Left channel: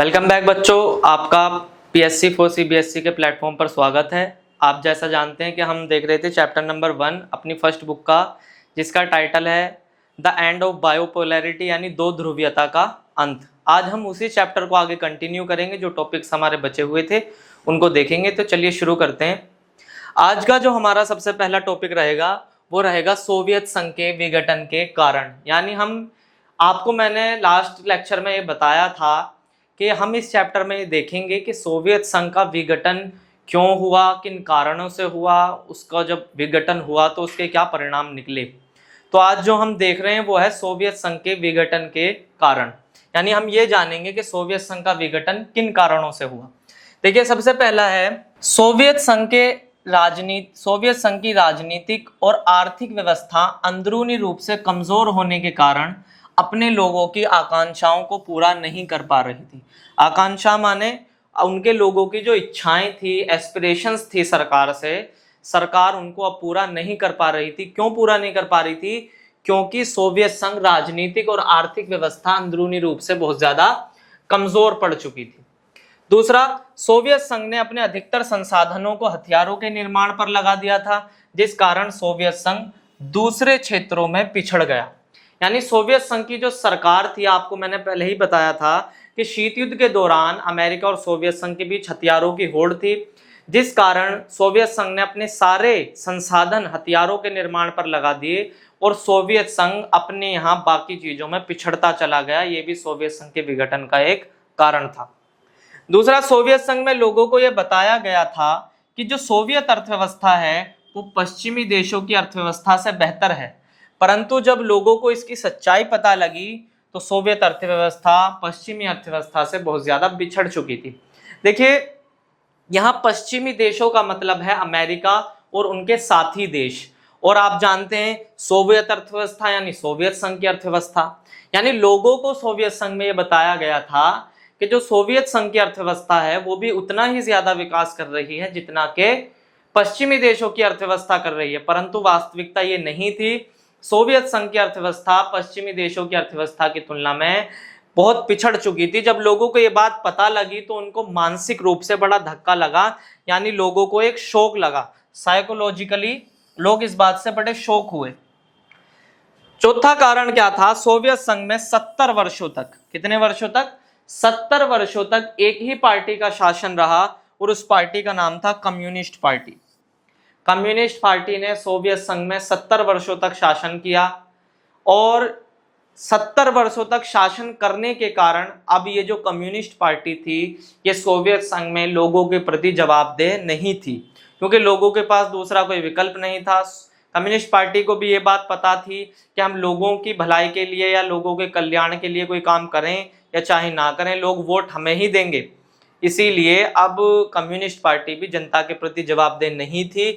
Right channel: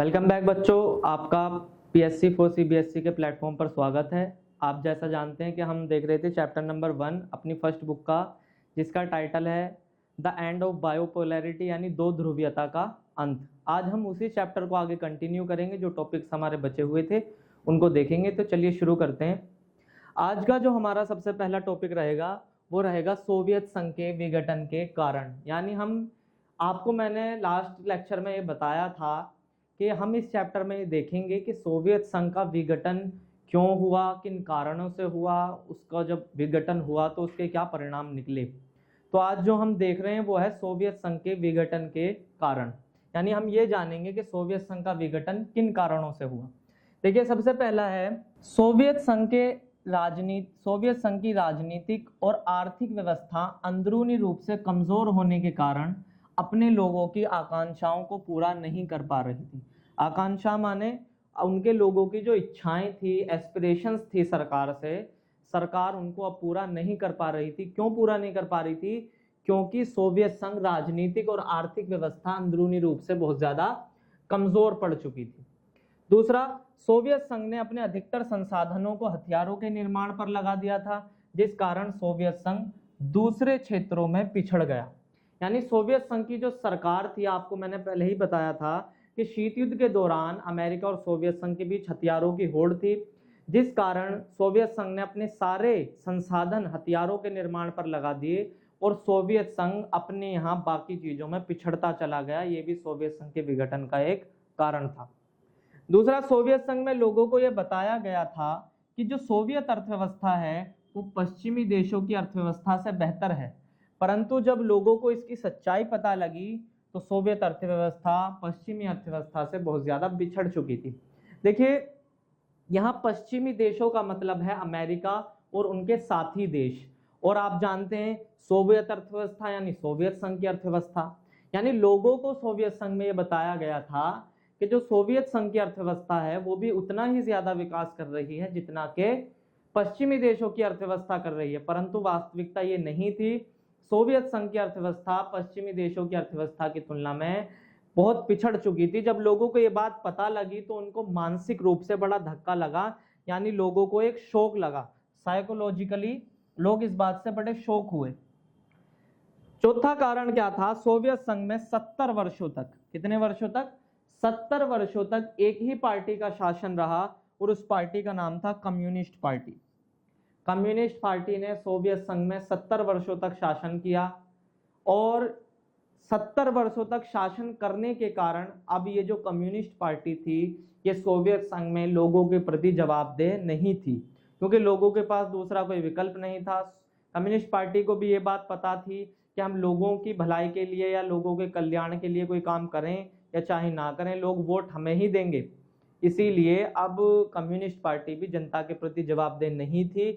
Welcome back बच्चों, आपका PSC for CBSE के प्लेटफॉर्म पर स्वागत है। आप जैसा जानते हैं कि हम देख रहे थे चैप्टर नंबर 1 अपनी फर्स्ट बुक का, जिसका टाइटल है द एंड ऑफ बायोपोलैरिटी, यानी दो ध्रुवीयता का अंत। आज हम उसी चैप्टर को आगे कंटिन्यू करेंगे। जो टॉपिक्स हमारे बचे हुए थे उनको देखेंगे। तो चलिए शुरू करते हैं। आज का जो हमारा सबसे पहला टॉपिक रहेगा वो रहेगा सोवियत संघ के विघटन के कारण। यानी आपको मैंने लास्ट लेक्चर में ये बताया था कि हम इस चैप्टर में देखेंगे कि सोवियत संघ का विघटन क्यों हुआ, किन कारणों से हुआ, उसका जब विघटन हुआ तो उसके क्या परिणाम निकले। तो आज जो हम देख रहे हैं वो है सोवियत संघ के विघटन के कारण। यानी हम ये जानेंगे कि सोवियत संघ का विघटन किन कारणों से हुआ। देखिए, सबसे पहला है सोवियत संघ की राजनीतिक और आर्थिक व्यवस्था अंदरूनी रूप से कमजोर होने के कारण अपने लोगों की आकांक्षाओं को पूरा नहीं कर पा रही थी। आकांक्षा माने उनके लोगों की जो इच्छाएं थी, एस्पिरेशंस थी सरकार से, सरकार उनको अब पूरा नहीं कर पा रही थी। क्यों पूरा नहीं कर पा रही थी? क्योंकि सोवियत संघ राजनीतिक और आर्थिक व्यवस्था अंदरूनी रूप से बहुत ज्यादा कमजोर पड़ चुकी थी। दूसरा, सोवियत संघ ने अपने अधिकतर संसाधनों को हथियारों के निर्माण पर लगा दिया था, जिस कारण सोवियत संघ दूसरे क्षेत्रों में पिछड़ गया। यानी सोवियत संघ की जो सरकार थी, आपको मैंने पहले ही बताया था कि शीत युद्ध के दौरान अमेरिका और सोवियत संघ के बीच हथियारों की होड़ थी, जिस कारण सोवियत संघ ने अपने सारे संसाधन हथियारों के निर्माण पर लगा दिए और सोवियत संघ अपने यहाँ बाकी चीजों में पिछड़ता चला गया। ये भी सोवियत संघ के विघटन का एक कारण था। दूसरा, सोवियत संघ में लोगों को यह बताया गया था कि जो सोवियत अर्थव्यवस्था है वो पश्चिमी देशों की अर्थव्यवस्था से बेहतर है, परंतु जब लोगों को इसकी सच्चाई पता लगी तो सोवियत अर्थव्यवस्था पश्चिमी अर्थव्यवस्था से बहुत ज्यादा बिछड़ चुकी थी। देखिए, यहाँ पश्चिमी देशों का मतलब है अमेरिका और उनके साथी देश, और आप जानते हैं सोवियत अर्थव्यवस्था यानी सोवियत संघ की अर्थव्यवस्था। यानी लोगों को सोवियत संघ में यह बताया गया था कि जो सोवियत संघ की अर्थव्यवस्था है वो भी उतना ही ज्यादा विकास कर रही है जितना कि पश्चिमी देशों की अर्थव्यवस्था कर रही है, परंतु वास्तविकता ये नहीं थी। सोवियत संघ की अर्थव्यवस्था पश्चिमी देशों की अर्थव्यवस्था की तुलना में बहुत पिछड़ चुकी थी। जब लोगों को ये बात पता लगी तो उनको मानसिक रूप से बड़ा धक्का लगा, यानी लोगों को एक शौक लगा। साइकोलॉजिकली लोग इस बात से बड़े शौक हुए। चौथा कारण क्या था? सोवियत संघ में 70 वर्षों तक, कितने वर्षों तक? 70 वर्षों तक एक ही पार्टी का शासन रहा और उस पार्टी का नाम था कम्युनिस्ट पार्टी। कम्युनिस्ट पार्टी ने सोवियत संघ में 70 वर्षों तक शासन किया और 70 वर्षों तक शासन करने के कारण अब ये जो कम्युनिस्ट पार्टी थी ये सोवियत संघ में लोगों के प्रति जवाबदेह नहीं थी, क्योंकि लोगों के पास दूसरा कोई विकल्प नहीं था। कम्युनिस्ट पार्टी को भी ये बात पता थी कि हम लोगों की भलाई के लिए या लोगों के कल्याण के लिए कोई काम करें या चाहे ना करें, लोग वोट हमें ही देंगे। इसीलिए अब कम्युनिस्ट पार्टी भी जनता के प्रति जवाबदेह नहीं थी।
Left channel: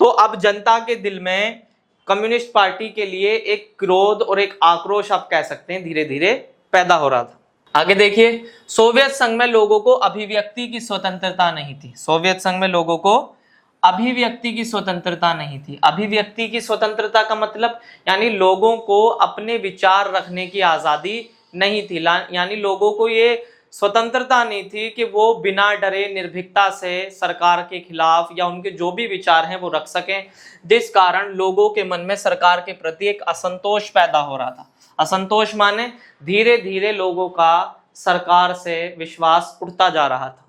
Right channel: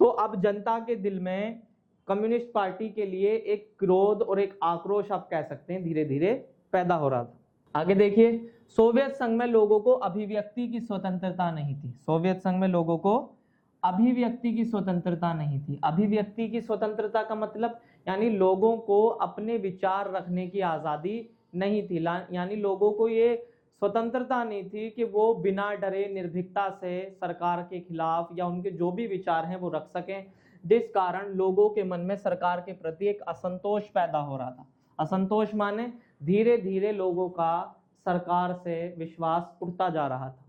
तो अब जनता के दिल में कम्युनिस्ट पार्टी के लिए एक क्रोध और एक आक्रोश, आप कह सकते हैं, धीरे धीरे पैदा हो रहा था। आगे देखिए, सोवियत संघ में लोगों को अभिव्यक्ति की स्वतंत्रता नहीं थी। सोवियत संघ में लोगों को अभिव्यक्ति की स्वतंत्रता नहीं थी। अभिव्यक्ति की स्वतंत्रता का मतलब यानी लोगों को अपने विचार रखने की आजादी नहीं थी। यानी लोगों को ये स्वतंत्रता नहीं थी कि वो बिना डरे निर्भीकता से सरकार के खिलाफ या उनके जो भी विचार हैं वो रख सकें, जिस कारण लोगों के मन में सरकार के प्रति एक असंतोष पैदा हो रहा था। असंतोष माने धीरे धीरे लोगों का सरकार से विश्वास उठता जा रहा था।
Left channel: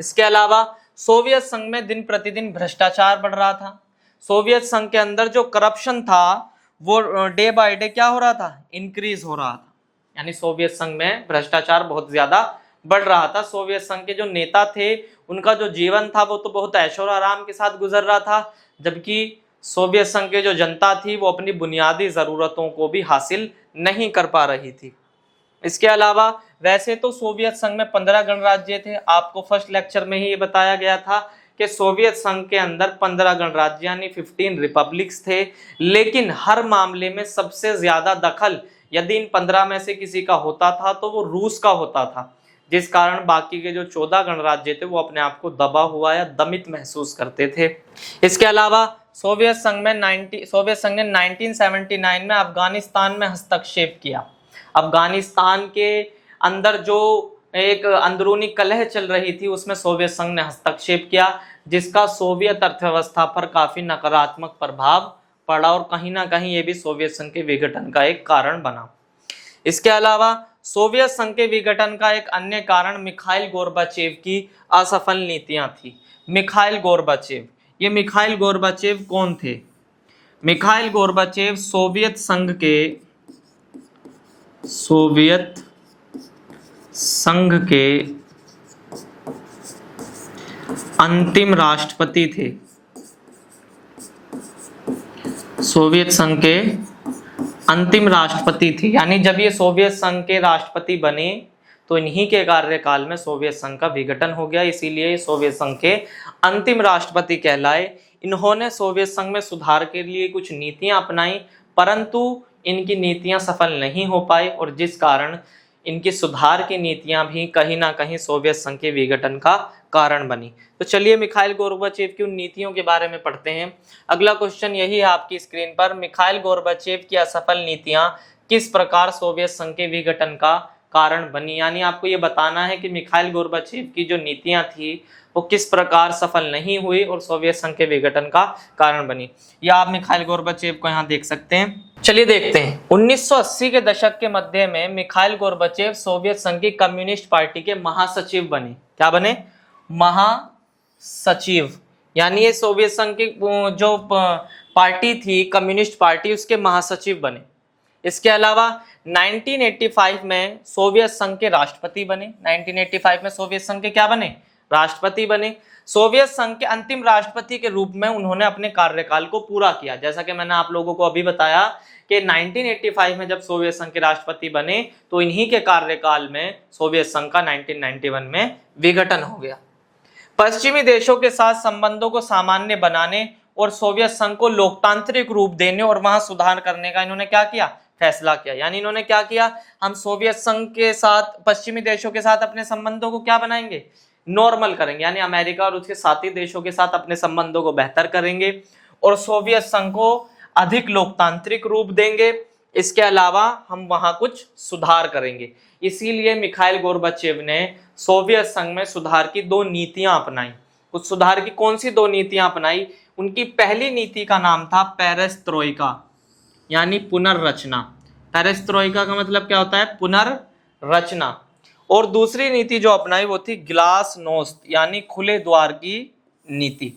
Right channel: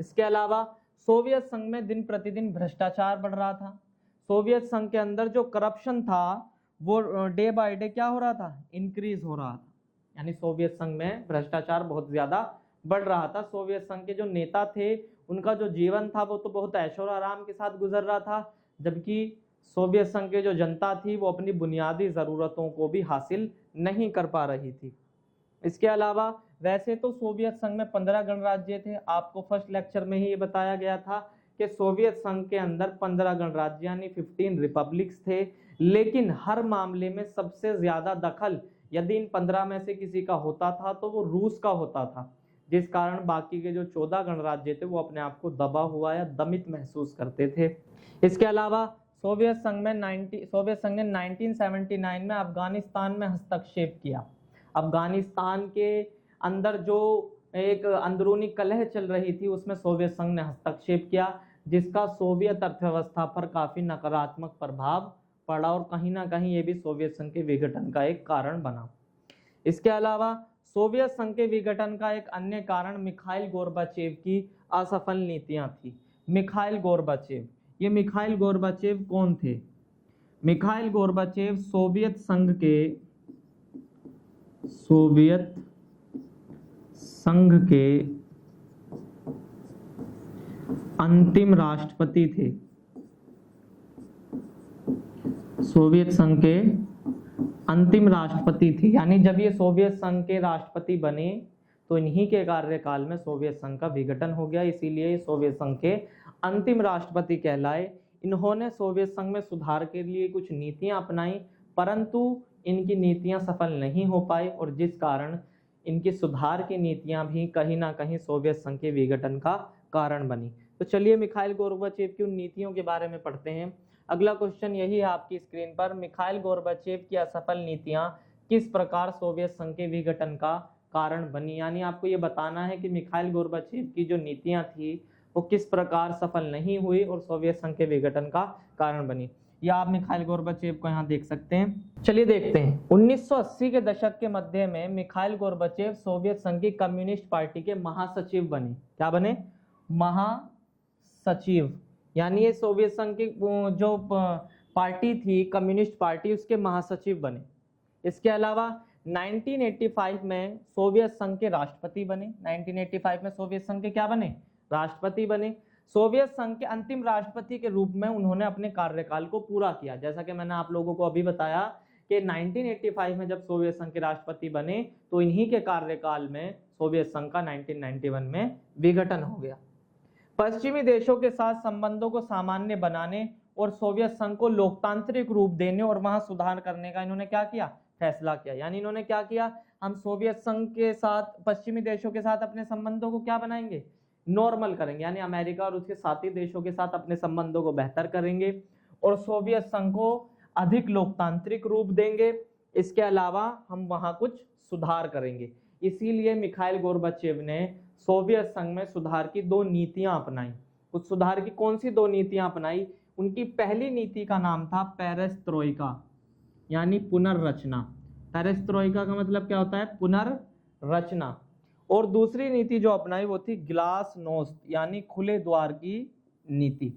इसके अलावा सोवियत संघ में दिन प्रतिदिन भ्रष्टाचार बढ़ रहा था। सोवियत संघ के अंदर जो करप्शन था वो डे बाय डे क्या हो रहा था? इंक्रीज हो रहा था। यानी सोवियत संघ में भ्रष्टाचार बहुत ज्यादा बढ़ रहा था। सोवियत संघ के जो नेता थे उनका जो जीवन था वो तो बहुत ऐशो और आराम के साथ गुजर रहा था, जबकि सोवियत संघ के जो जनता थी वो अपनी बुनियादी जरूरतों को भी हासिल नहीं कर पा रही थी। इसके अलावा वैसे तो सोवियत संघ में 15 गणराज्य थे। आपको फर्स्ट लेक्चर में ही ये बताया गया था कि सोवियत संघ के अंदर 15 गणराज्य यानी 15 रिपब्लिक्स थे, लेकिन हर मामले में सबसे ज्यादा दखल यदि इन 15 में से किसी का होता था तो वो रूस का होता था, जिस कारण बाकी के जो 14 गणराज्य थे वो अपने आप को दबा हुआ या दमित महसूस करते थे। इसके अलावा सोवियत संघ ने 1979 में अफगानिस्तान में हस्तक्षेप किया। अफगानिस्तान के अंदर जो एक अंदरूनी कलह चल रही थी, उसमें सोवियत संघ ने हस्तक्षेप किया, जिसका सोवियत अर्थव्यवस्था पर काफी नकारात्मक प्रभाव पड़ा और कहीं ना कहीं ये भी सोवियत संघ के विघटन का एक कारण बना। इसके अलावा सोवियत संघ के विघटन का एक अन्य कारण मिखाइल गोर्बाचेव की असफल नीतियां थी। मिखाइल गोर्बाचेव, ये मिखाइल गोर्बाचेव कौन थे? मिखाइल गोर्बाचेव सोवियत संघ के अंतिम राष्ट्रपति थे। सोवियत संघ के अंतिम राष्ट्रपति थे, यानी जब ये सोवियत संघ के राष्ट्रपति बने तो इन्हीं के कार्यकाल में सोवियत संघ का विघटन हो गया, इसीलिए सोवियत संघ के अंतिम राष्ट्रपति कहलाए। इन्होंने सोवियत संघ में सुधार के लिए कुछ नीतियां अपनाई, परंतु इनकी नीतियां सफल नहीं हो पाई और जिस कारण इनकी सुधार की नीतियां भी कहीं ना कहीं सोवियत संघ के विघटन का कारण बनी। तो चलिए मिखाइल गोर्बाचेव की उन नीतियों के बारे में पढ़ते हैं। अगला क्वेश्चन यही है आपकी स्क्रीन पर, मिखाइल गोर्बाचेव की असफल नीतियां किस प्रकार सोवियत संघ के विघटन का कारण बनी, यानी आपको ये बताना है कि मिखाइल गोर्बाचेव की जो नीतियां थी वो किस प्रकार सफल नहीं हुई और सोवियत संघ के विघटन का कारण बनी। या आप मिखाइल गोर्बाचेव को यहाँ देख सकते हैं। चलिए देखते हैं। 1980 के दशक के मध्य में मिखाइल गोर्बाचेव सोवियत संघ की कम्युनिस्ट पार्टी के महासचिव बने। क्या बने? महासचिव, यानी ये सोवियत संघ की जो पार्टी थी कम्युनिस्ट पार्टी, उसके महासचिव बने। इसके अलावा 1985 में सोवियत संघ के राष्ट्रपति बने। 1985 में सोवियत संघ के क्या बने? राष्ट्रपति बने। सोवियत संघ के अंतिम राष्ट्रपति के रूप में उन्होंने अपने कार्यकाल को पूरा किया। जैसा कि मैंने आप लोगों को अभी बताया कि 1985 में जब सोवियत संघ के राष्ट्रपति बने तो इन्हीं के कार्यकाल में सोवियत संघ का 1991 में विघटन हो गया। पश्चिमी देशों के साथ संबंधों को सामान्य बनाने और सोवियत संघ को लोकतांत्रिक रूप देने और वहां सुधार करने का इन्होंने क्या किया? फैसला किया। यानी इन्होंने क्या किया? हम सोवियत संघ के साथ, पश्चिमी देशों के साथ अपने संबंधों को क्या बनाएंगे? नॉर्मल करेंगे, यानी अमेरिका और उसके साथी देशों के साथ अपने संबंधों को बेहतर करेंगे और सोवियत संघ को अधिक लोकतांत्रिक रूप देंगे। इसके अलावा हम वहां कुछ सुधार करेंगे। इसीलिए मिखाइल गोर्बाचेव ने सोवियत संघ में सुधार की 2 नीतियां अपनाई। कुछ सुधार की कौन सी 2 नीतियां अपनाई? उनकी पहली नीति का नाम था पेरेस्ट्रोइका, यानी पुनर्रचना। पेरेस्ट्रोइका का मतलब क्या होता है? पुनर्रचना। और दूसरी नीति जो अपनाई वो थी ग्लासनोस्त, यानी खुले द्वार की नीति।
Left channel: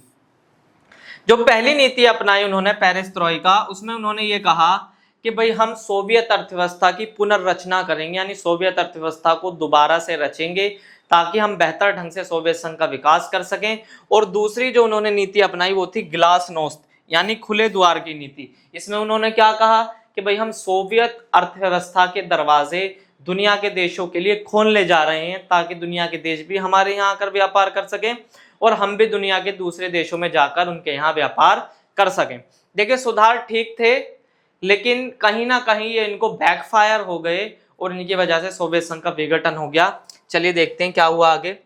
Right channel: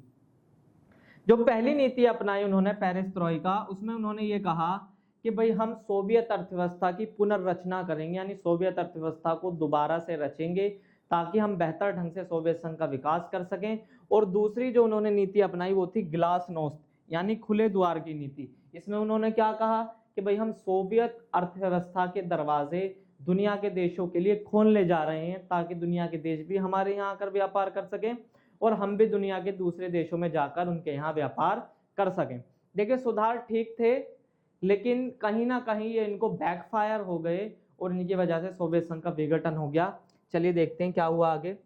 जो पहली नीति अपनाई उन्होंने पेरेस्ट्रोइका, उसमें उन्होंने ये कहा कि भाई हम सोवियत अर्थव्यवस्था की पुनर्रचना करेंगे, यानी सोवियत अर्थव्यवस्था को दोबारा से रचेंगे ताकि हम बेहतर ढंग से सोवियत संघ का विकास कर सकें। और दूसरी जो उन्होंने नीति अपनाई वो थी ग्लासनोस्त, यानी खुले द्वार की नीति। इसमें उन्होंने क्या कहा कि भाई हम सोवियत अर्थव्यवस्था के दरवाजे दुनिया के देशों के लिए खोल ले जा रहे हैं ताकि दुनिया के देश भी हमारे यहाँ आकर व्यापार कर सकें और हम भी दुनिया के दूसरे देशों में जाकर उनके यहाँ व्यापार कर सकें। देखिए सुधार ठीक थे, लेकिन कहीं ना कहीं ये इनको बैकफायर हो गए और इनकी वजह से सोवियत संघ का विघटन हो गया। चलिए देखते हैं क्या हुआ आगे।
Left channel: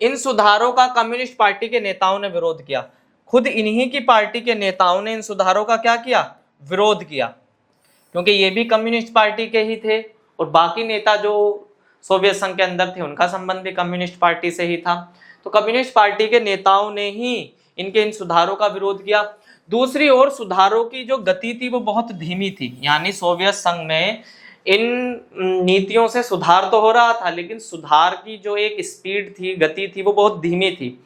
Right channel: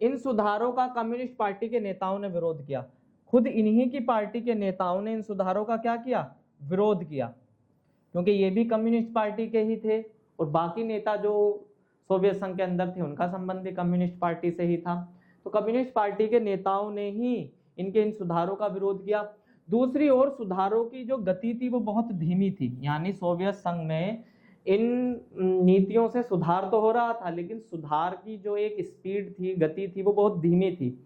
इन सुधारों का कम्युनिस्ट पार्टी के नेताओं ने विरोध किया। खुद इन्हीं की पार्टी के नेताओं ने इन सुधारों का क्या किया? विरोध किया, क्योंकि ये भी कम्युनिस्ट पार्टी के ही थे और बाकी नेता जो सोवियत संघ के अंदर थे उनका संबंध भी कम्युनिस्ट पार्टी से ही था। तो कम्युनिस्ट पार्टी के नेताओं ने ही इनके इन सुधारों का विरोध किया। दूसरी ओर सुधारों की जो गति थी वो बहुत धीमी थी, यानी सोवियत संघ में इन नीतियों से सुधार तो हो रहा था लेकिन सुधार की जो एक स्पीड थी, गति थी, वो बहुत धीमी थी।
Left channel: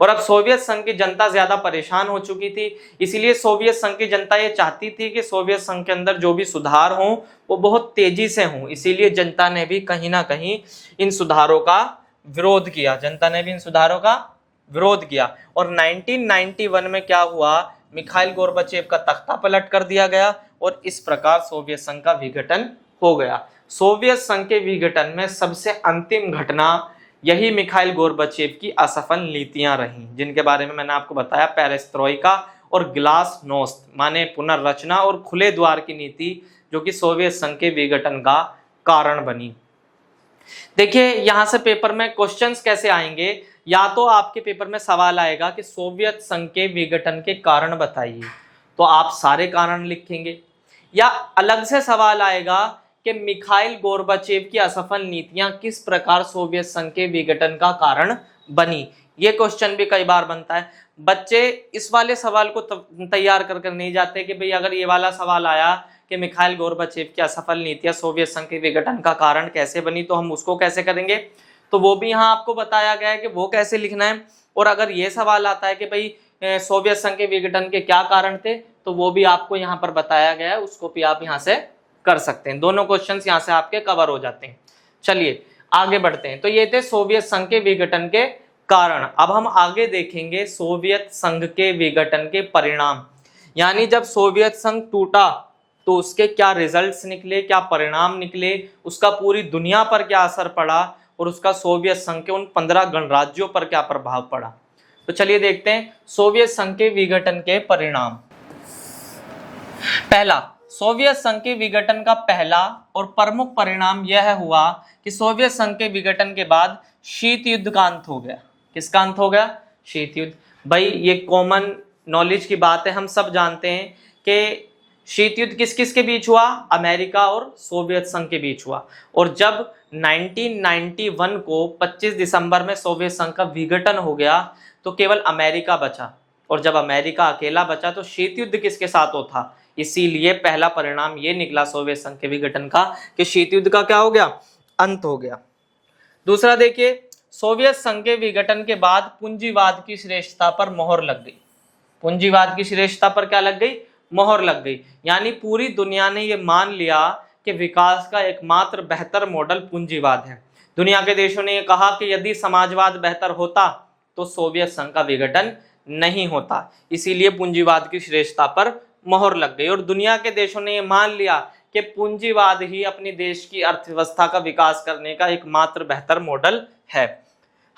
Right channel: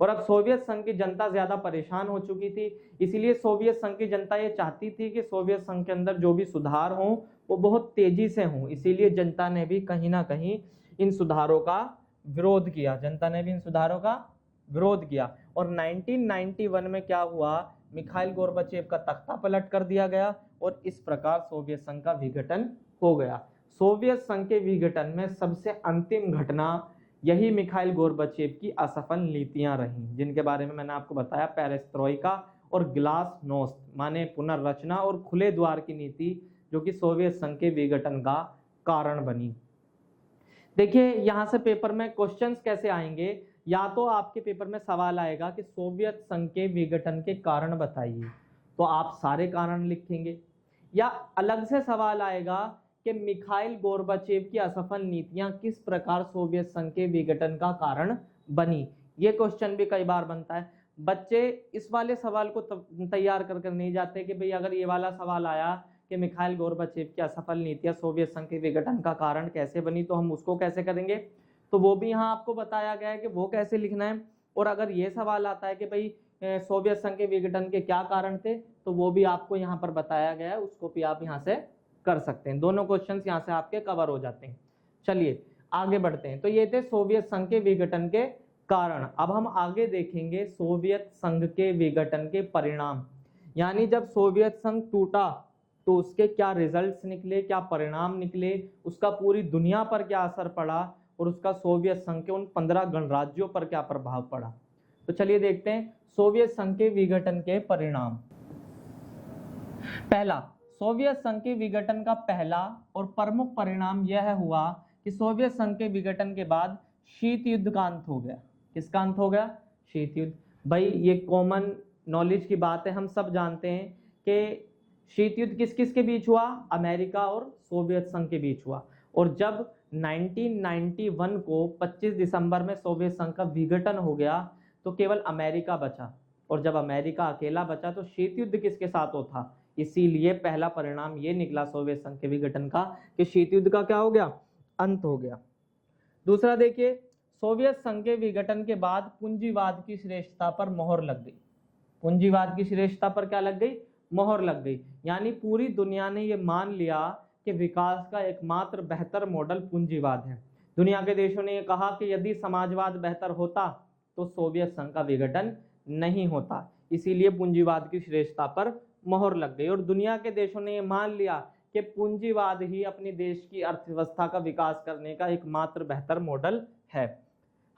और अब सोवियत संघ की जनता ज्यादा परेशान हो चुकी थी, इसीलिए सोवियत संघ की जनता ये चाहती थी कि सोवियत संघ के अंदर जो भी सुधार हों वो बहुत तेजी से हों। इसीलिए जनता ने भी कहीं ना कहीं इन सुधारों का विरोध किया। जनता ने भी इन सुधारों का विरोध किया और 1991 में क्या हुआ? मिखाइल गोर्बाचेव का तख्ता पलट कर दिया गया और इस प्रकार सोवियत संघ का विघटन हो गया। सोवियत संघ के विघटन में सबसे अंतिम घटना यही मिखाइल गोर्बाचेव की असफल नीतियां रहीं, जिनके बारे में मैंने आपको बताया, पेरेस्ट्रोइका और ग्लासनोस्त माने पुनर्रचना और खुले द्वार की नीति, जो कि सोवियत संघ के विघटन का कारण बनी। देखिए यहां से पेपर में क्वेश्चंस कैसे आएंगे, या तो आपके पेपर में सवाल आएगा कि सोवियत संघ के विघटन के कारण बताइए, तो आप सारे कारण लिखेंगे, या अलग से सवाल आएगा कि मिखाइल गोर्बाचेव की असफल नीतियां किस प्रकार सोवियत संघ के विघटन का कारण बनी। ये क्वेश्चन भी कई बार बनता है। बच्चे इस वाले सवाल को तैयार कर नहीं जाते कि भाई अगर ये वाला सवाल आया कि मिखाइल गोर्बाचेव की असफल नीतियां सोवियत संघ के विघटन का कारण कैसे बनी, तो हम उसको कैसे करेंगे, तो वो भी यहाँ आपको बताया गया है कि वो कैसे लिखना है। और अगर ये सवाल आता है कि भाई सोवियत संघ के विघटन के क्या कारण थे, तो वो भी आपको यहाँ पर बताया गया है, उसको भी आप यहाँ से कर सकते हैं। दोनों क्वेश्चंस यहाँ से आपके कवर हो जाते हैं। चलिए आगे बढ़ते हैं। तो ये थे सोवियत संघ के विघटन के कारण। अब हम आगे देखेंगे सोवियत संघ के विघटन के परिणाम, यानी जब सोवियत संघ टूटा तो उसके क्या रिजल्ट्स निकले, क्या परिणाम निकले, उसका पूरी दुनिया पर क्या असर पड़ा और उसका सोवियत संघ के उन 15 गणराज्यों पर क्या प्रभाव पड़ा। तो चलिए देखते हैं सोवियत संघ के विघटन के परिणाम। पहला, सोवियत संघ के विघटन का पहला और प्रमुख परिणाम यह हुआ कि सोवियत संघ के विघटन के बाद शीत युद्ध का अंत हो गया। किसका अंत हो गया? शीत युद्ध। भाई ये कॉमन नॉलेज की बात है, हम सब जानते हैं कि शीत युद्ध किस किस के बीच हुआ? अमेरिका और सोवियत संघ के बीच हुआ। और जब 1991 को 25 दिसंबर में सोवियत संघ का विघटन हो गया तो केवल अमेरिका बचा, और जब अमेरिका अकेला बचा तो शीत युद्ध किसके साथ हो था। इसीलिए पहला परिणाम ये निकला सोवियत संघ के विघटन का कि शीत युद्ध का क्या हो गया? अंत हो गया। दूसरा देखिए, सोवियत संघ के विघटन के बाद पूंजीवाद की श्रेष्ठता पर मोहर लग गई। पूंजीवाद की श्रेष्ठता पर क्या लग गई? मोहर लग गई। यानी पूरी दुनिया ने यह मान लिया कि विकास का एकमात्र बेहतर मॉडल पूंजीवाद है। दुनिया के देशों ने यह कहा कि यदि समाजवाद बेहतर होता तो सोवियत संघ का विघटन नहीं होता। इसीलिए पूंजीवाद की श्रेष्ठता पर मोहर लग गई और दुनिया के देशों ने यह मान लिया कि पूंजीवाद ही अपनी देश की अर्थव्यवस्था का विकास करने का एकमात्र बेहतर मॉडल है।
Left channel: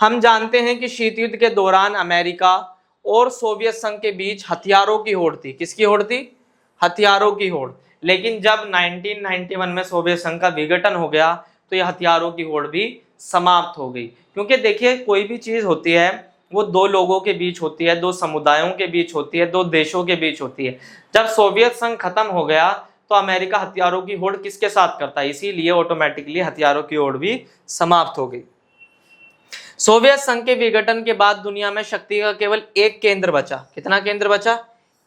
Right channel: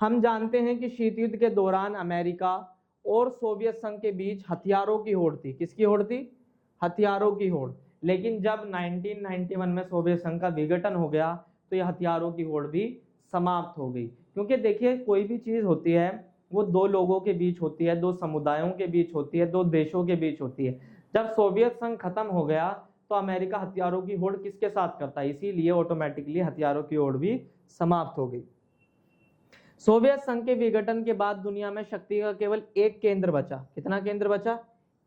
हम जानते हैं कि शीत युद्ध के दौरान अमेरिका और सोवियत संघ के बीच हथियारों की होड़ थी। किसकी होड़ थी? हथियारों की होड़। लेकिन जब 1991 में सोवियत संघ का विघटन हो गया तो यह हथियारों की होड़ भी समाप्त हो गई। क्योंकि देखिए कोई भी चीज होती है वो दो लोगों के बीच होती है, दो समुदायों के बीच होती है, दो देशों के बीच होती है। जब सोवियत संघ खत्म हो गया तो अमेरिका हथियारों की होड़ किसके साथ करता है, इसीलिए ऑटोमेटिकली हथियारों की होड़ भी समाप्त हो गई। सोवियत संघ के विघटन के बाद दुनिया में शक्ति का केवल एक केंद्र बचा। कितना केंद्र बचा?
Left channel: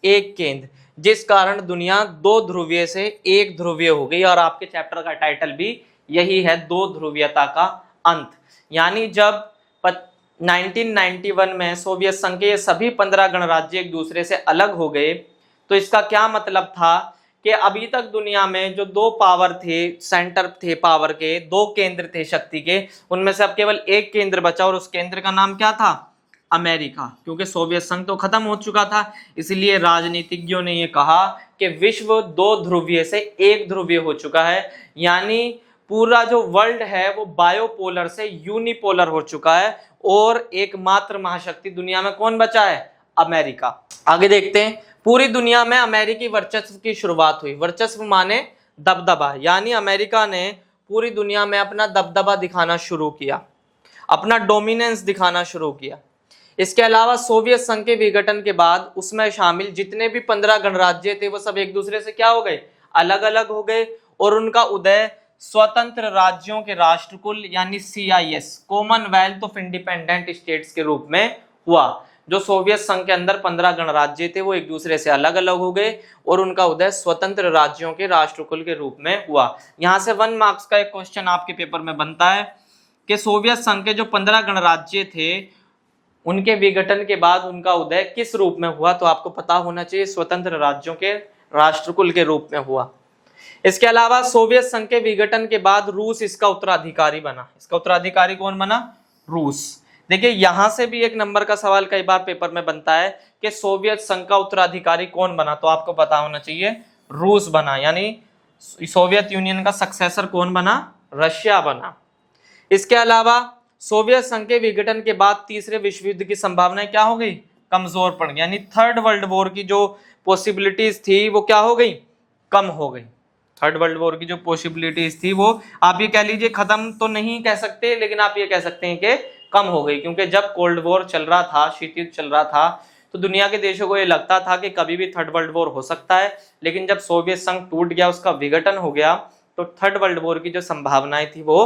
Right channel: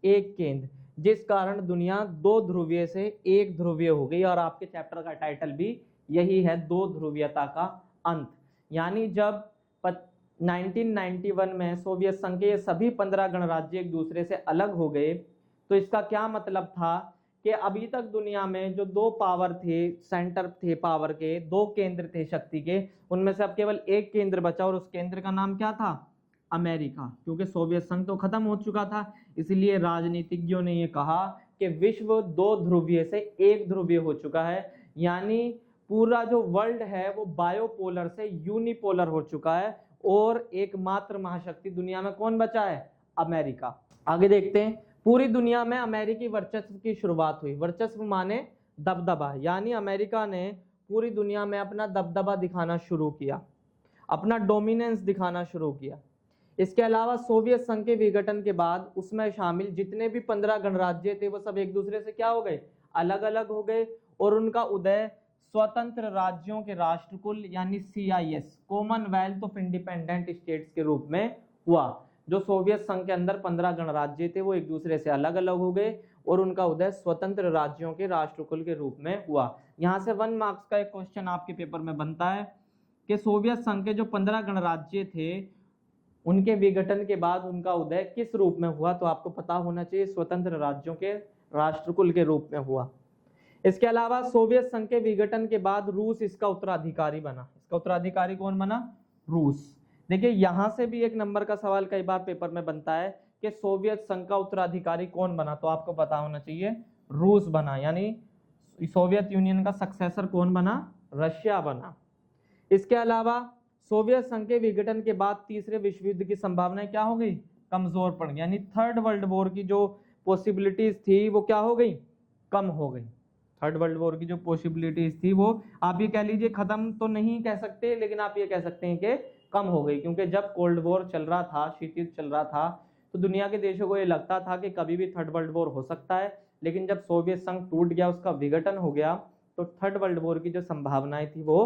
एक केंद्र, जिस कारण दुनिया दो ध्रुवीय से एक ध्रुवीय हो गई। और आपके चैप्टर का टाइटल भी यही है, दो ध्रुवीयता का अंत। यानी जब 1991 में सोवियत संघ के सभी 15 गणराज्य एक दूसरे से अलग हो गए तो इसका क्या मतलब था कि अभी तक दुनिया में जो दो पावर थे, सेंटर थे पावर के, दो केंद्र थे शक्ति के, उनमें से अब केवल एक केंद्र बचा और उस केंद्र का नाम क्या था? अमेरिका। क्योंकि सोवियत संघ तो खत्म हो चुका था, इसलिए राजनीतिज्ञों ने यह कहा कि विश्व दो ध्रुवीय से एक ध्रुवीय हो चुका है। यानी पूरा जो वर्ल्ड है वो बायोपोलर से यूनिपोलर हो चुका है और एकमात्र महाशक्ति दुनिया में कौन बचा है? अमेरिका। आगे देखते हैं, पूरी दुनिया में अमेरिकी वर्चस्व की शुरुआत हुई। वर्चस्व माने दबदबा, यानी अमेरिका ने पूरी दुनिया में अपना दबदबा दिखाना शुरू किया, अपना डोमिनेंस दिखाना शुरू किया। इसके अलावा सोवियत संघ के विघटन के बाद उसमें शामिल जितने भी 15 गणराज्य थे वो सब एक दूसरे से क्या हो गए? अलग अलग हो गए और उनका उदय स्वतंत्र राज्यों के राष्ट्रकुल यानी CIS, Commonwealth of independent states के रूप में हुआ। जो सोवियत संघ के अंदर 15 गणराज्य थे वो एक दूसरे से अलग अलग हो गए और उनका उदय स्वतंत्र राज्यों के राष्ट्रकुल के रूप में हुआ। यहां से 1 मार्क्स का एक क्वेश्चन आपके पेपर में बनता है कि सोवियत संघ के जो 15 गणराज्य थे उनके विघटन के बाद उनका उदय किस रूप में हुआ, तो आपको पता होना चाहिए स्वतंत्र राज्यों के राष्ट्रकुल के रूप में हुआ। इसके अलावा सोवियत संघ के विघटन के बाद रूस इसका उत्तराधिकारी बना। इसका उत्तराधिकारी कौन बना? रूस। देखिए यहां से भी एक नंबर का सवाल कई बार पेपर में बनता है कि सोवियत संघ का उत्तराधिकारी कौन बना, तो आपको पता होना चाहिए रूस बना। यानी सोवियत यूनियन का सक्सेसर कौन बना? रशिया बना। इसके अलावा सोवियत संघ के विघटन के बाद तीसरे विश्व युद्ध की संभावनाएं क्या हो गई? कमजोर पड़ गई। यानी थर्ड वर्ल्ड वॉर की जो पॉसिबिलिटीज थी वो क्या हो गई? कम हो गई। थर्ड वर्ल्ड वॉर की जो पॉसिबिलिटीज थी वो आप ये कह लीजिए खत्म तो नहीं कह सकते, लेकिन आप ये कह सकते हैं कि कम हो गई। क्योंकि जब कोल्ड वॉर चल रहा था, शीत युद्ध चल रहा था, तो दुनिया के देशों को ये लगता था कि कभी भी थर्ड वर्ल्ड वॉर हो सकता है। लेकिन जब सोवियत संघ टूट गया, उसका विघटन हो गया, तो थर्ड वर्ल्ड वॉर की जो संभावनाएं थी वो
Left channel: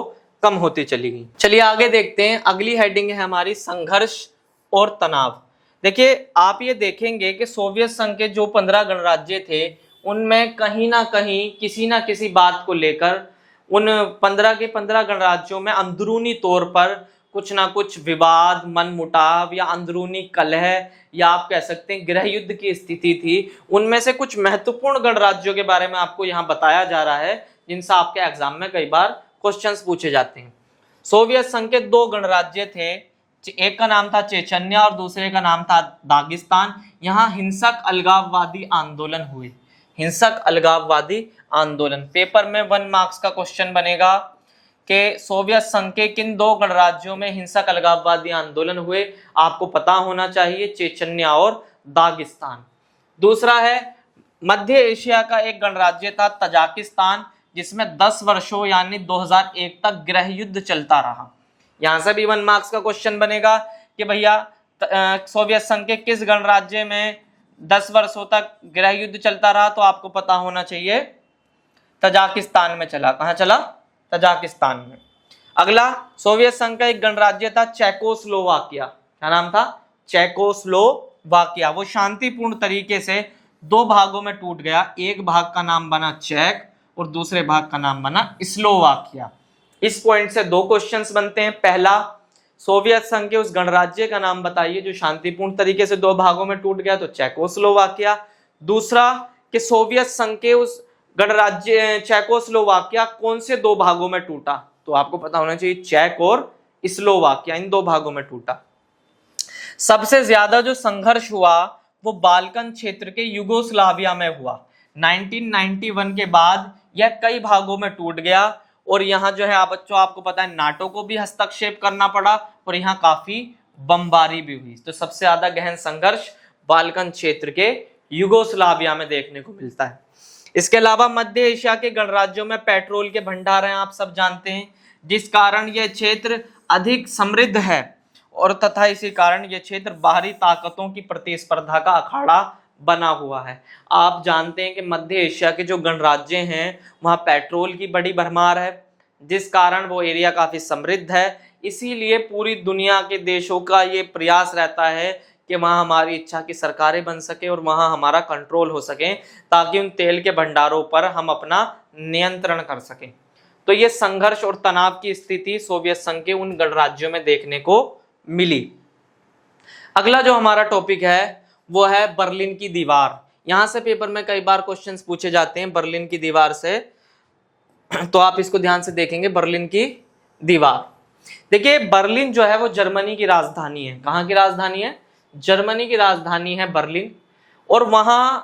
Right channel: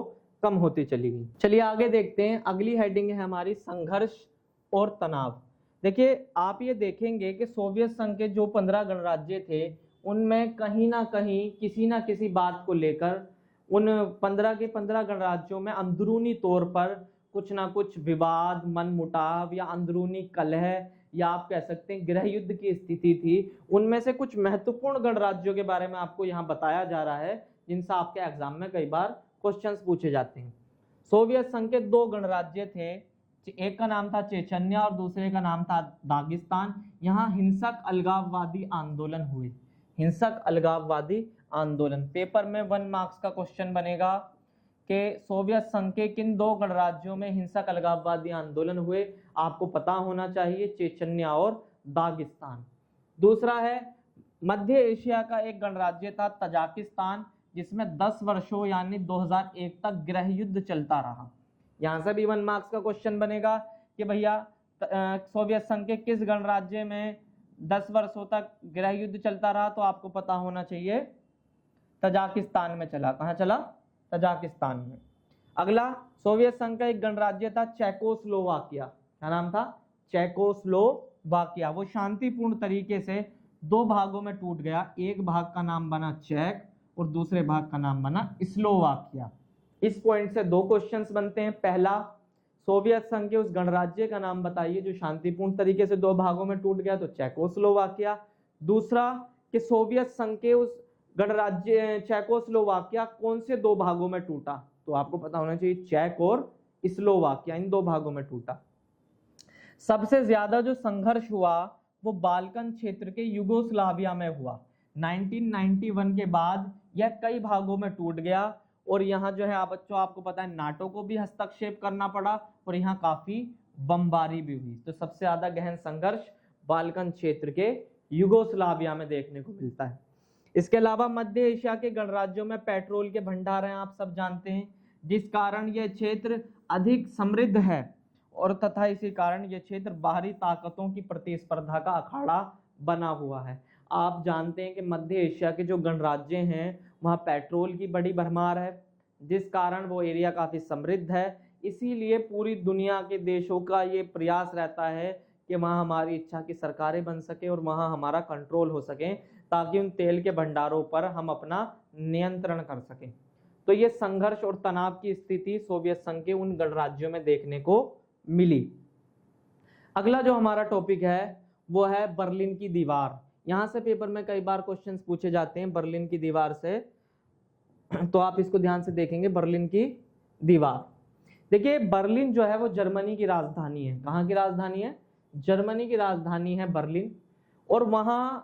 कम होती चली गई। चलिए आगे देखते हैं, अगली हेडिंग है हमारी संघर्ष और तनाव। देखिए आप ये देखेंगे कि सोवियत संघ के जो 15 गणराज्य थे उनमें कहीं ना कहीं किसी ना किसी बात को लेकर उन 15 के 15 गणराज्यों में अंदरूनी तौर पर कुछ ना कुछ विवाद, मनमुटाव या अंदरूनी कलह या आप कह सकते हैं गृह युद्ध की स्थिति थी। उनमें से कुछ महत्वपूर्ण गणराज्यों के बारे में आपको यहाँ बताया जा रहा है जिनसे आपके एग्जाम में कई बार क्वेश्चंस पूछे जाते हैं। सोवियत संघ के 2 गणराज्य थे, एक का नाम था चेचन्या और दूसरे का नाम था दागिस्तान। यहाँ हिंसक अलगाववादी आंदोलन हुए, हिंसक अलगाववादी आंदोलन। पेपर में 1 मार्क्स का क्वेश्चन बनेगा कि सोवियत संघ के किन 2 गणराज्यों में हिंसक अलगाववादी आंदोलन हुए, आपको पता होना चाहिए, चेचन्या और दागिस्तान। दूसरा है मध्य एशिया का एक गणराज्य था तजाकिस्तान, जिसमें 10 वर्षों यानी 2001 तक गृह युद्ध चलता रहा। यहां से भी 1 मार्क्स का क्वेश्चन बनेगा कि भैया सोवियत संघ के किस गणराज्य में 10 वर्षों तक गृह युद्ध चलता रहा, तो आपको पता होना चाहिए तजाकिस्तान में चला। कहां चला? तजाकिस्तान में। अगला सोवियत संघ का एक गणराज्य था चेकोस्लोवाकिया। क्या नाम था? चेकोस्लोवाकिया। वो शांतिपूर्ण तरीके से 2 भागों में टूट गया, एक भाग का नाम बना चेक और दूसरे भाग का नाम बना स्लोवाकिया। इस पॉइंट से 2 क्वेश्चंस बनते हैं। पहला, सोवियत संघ के उस गणराज्य का नाम बताइए जो शांतिपूर्ण तरीके से 2 भागों में टूट गया, तो चेकोस्लोवाकिया। दूसरा कि सोवियत संघ के उस गणराज्य चेकोस्लोवाकिया कौन से 2 भागों में टूटा, तो आपको पता होना चाहिए चेक और स्लोवाकिया, इन 2 भागों में टूटा। सबसे ज्यादा जो संघर्ष हुआ वो बाल्कन क्षेत्र के युगोस्लाविया में हुआ। 1991 के बाद यह कई भागों में टूट गया और यहाँ जो है आप बच्चों आपको पता है नाटो को भी हस्तक्षेप करना पड़ा और यहाँ काफी बमबारी भी हुई। तो सबसे ज्यादा गहन संघर्ष बाल्कन क्षेत्र के युगोस्लाविया में देखने को मिलता है। इसके अलावा मध्य एशिया के गणराज्यों में पेट्रोल के भंडार हैं, आप सब जानते हैं, जिस कारण यह क्षेत्र अधिक समृद्ध है और तथा इसी कारण यह क्षेत्र बाहरी ताकतों की प्रतिस्पर्धा का अखाड़ा बना हुआ है। आप जानते हैं कि मध्य एशिया के जो गणराज्य हैं वहाँ पेट्रोल की बड़ी भरमार है, जिस कारण वो एरिया काफी समृद्ध है। इसीलिए पूरी दुनिया के देशों का ये प्रयास रहता है कि वहाँ हमारी इच्छा की सरकारें बन सके और वहाँ हमारा कंट्रोल हो सके, ताकि उन तेल के भंडारों पर हम अपना नियंत्रण कर सकें। तो ये संघर्ष और तनाव की स्थिति सोवियत संघ के उन गणराज्यों में देखने को मिली। अगला जो हमारा टॉपिक है वो है बर्लिन की दीवार। यहां से पेपर में कई बार क्वेश्चंस पूछे जाते हैं बर्लिन की दीवार से, तो आप इसको ध्यान से देखेंगे। बर्लिन की दीवार, देखिए बर्लिन जो है वो जर्मनी की राजधानी है। कहाँ की राजधानी है? जर्मनी की राजधानी है बर्लिन। और वहां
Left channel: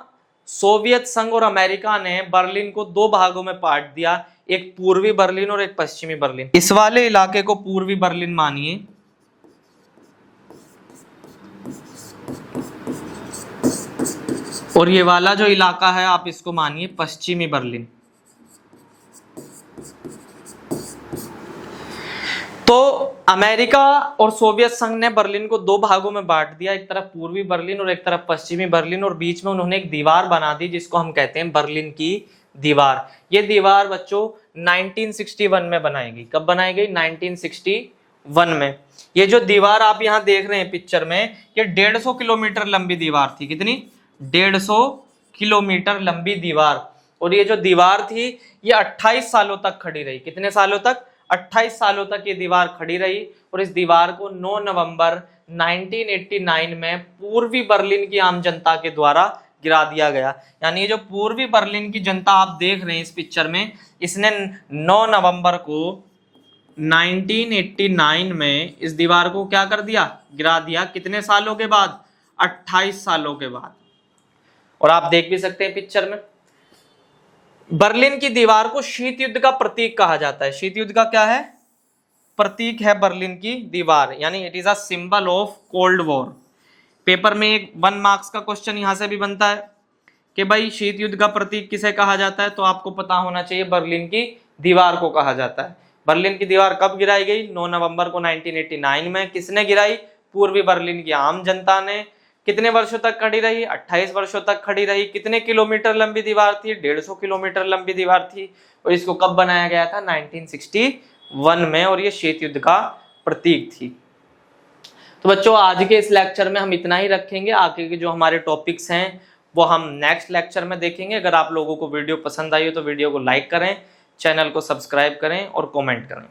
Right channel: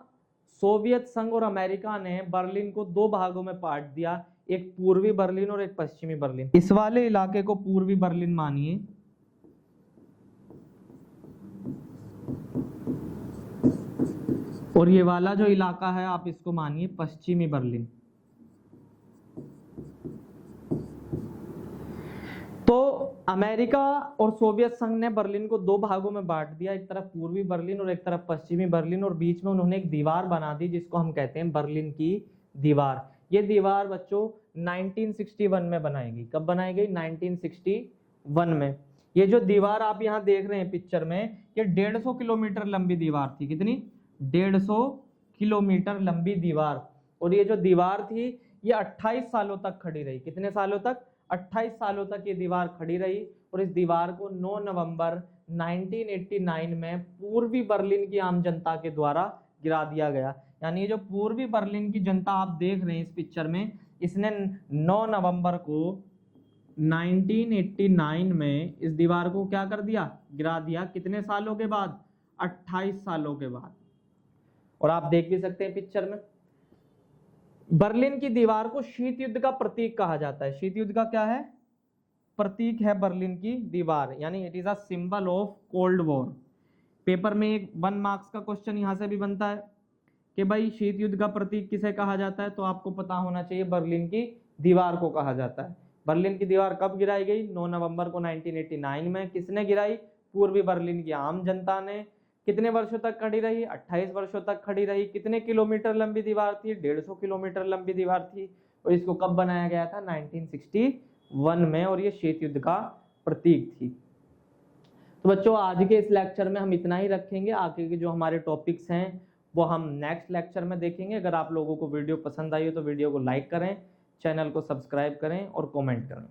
सोवियत संघ और अमेरिका ने बर्लिन को 2 भागों में बांट दिया, एक पूर्वी बर्लिन और एक पश्चिमी बर्लिन। इस वाले इलाके को पूर्वी बर्लिन मानिए और ये वाला जो इलाका है आप इसको मानिए पश्चिमी बर्लिन। तो अमेरिका और सोवियत संघ ने बर्लिन को 2 भागों में बांट दिया, एक तरफ पूर्वी बर्लिन और एक तरफ पश्चिमी बर्लिन, और बीच में उन्होंने एक दीवार बना दी जिसको हम कहते हैं बर्लिन की दीवार। ये दीवार बच्चों 1961 में बनाई गई। कब बनाई गई? 1961 में। ये जो दीवार आप यहाँ देख रहे हैं पिक्चर में, ये 150 किलोमीटर लंबी दीवार थी। कितनी? 150 किलोमीटर लंबी दीवार। और ये जो दीवार थी ये 28 सालों तक खड़ी रही। कितने सालों तक? 28 सालों तक ये दीवार खड़ी रही। और इस दीवार को 9 नवंबर 1989 में पूर्वी बर्लिन की आम जनता के द्वारा गिरा दिया गया। यानी ये जो पूर्वी बर्लिन की जनता आप देख रहे हैं इस पिक्चर में, इसने 9 नवंबर को 1989 में इस दीवार को क्या कर दिया? गिरा दिया। कितने सालों के बाद? 28 सालों के बाद। और आप देख भी सकते हैं पिक्चर में, बर्लिन की दीवार को शीत युद्ध का प्रतीक कहा जाता है। शीत युद्ध का क्या है? प्रतीक है बर्लिन की दीवार, यानी it is a symbol of cold war. Paper में एक 1 मार्क्स का क्वेश्चन यहां से भी बनता है कि भाई शीत युद्ध का प्रतीक किसे कहा जाता है, तो आपको पता होना चाहिए बर्लिन की दीवार को कहा जाता है। बर्लिन की दीवार कब गिराई गई? 9 नवंबर को 1989 में। किसने गिराई? पूर्वी बर्लिन की आम जनता ने। कितने वर्षों तक खड़ी रही? 28 वर्षों तक खड़ी रही। कितने किलोमीटर लंबी दीवार थी? 150 किलोमीटर लंबी दीवार थी। और इसको कब बनाया गया था? 1961 में, और ये शीत युद्ध का प्रतीक थी। तो बच्चों आज के इस लेक्चर में हम इतना ही रखेंगे। आगे के जो हमारे टॉपिक्स हैं वो हम नेक्स्ट लेक्चर में देखेंगे। अगर आप लोगों को वीडियो पसंद आई हो तो वीडियो को लाइक करें, चैनल को सब्सक्राइब करें और कमेंट करें।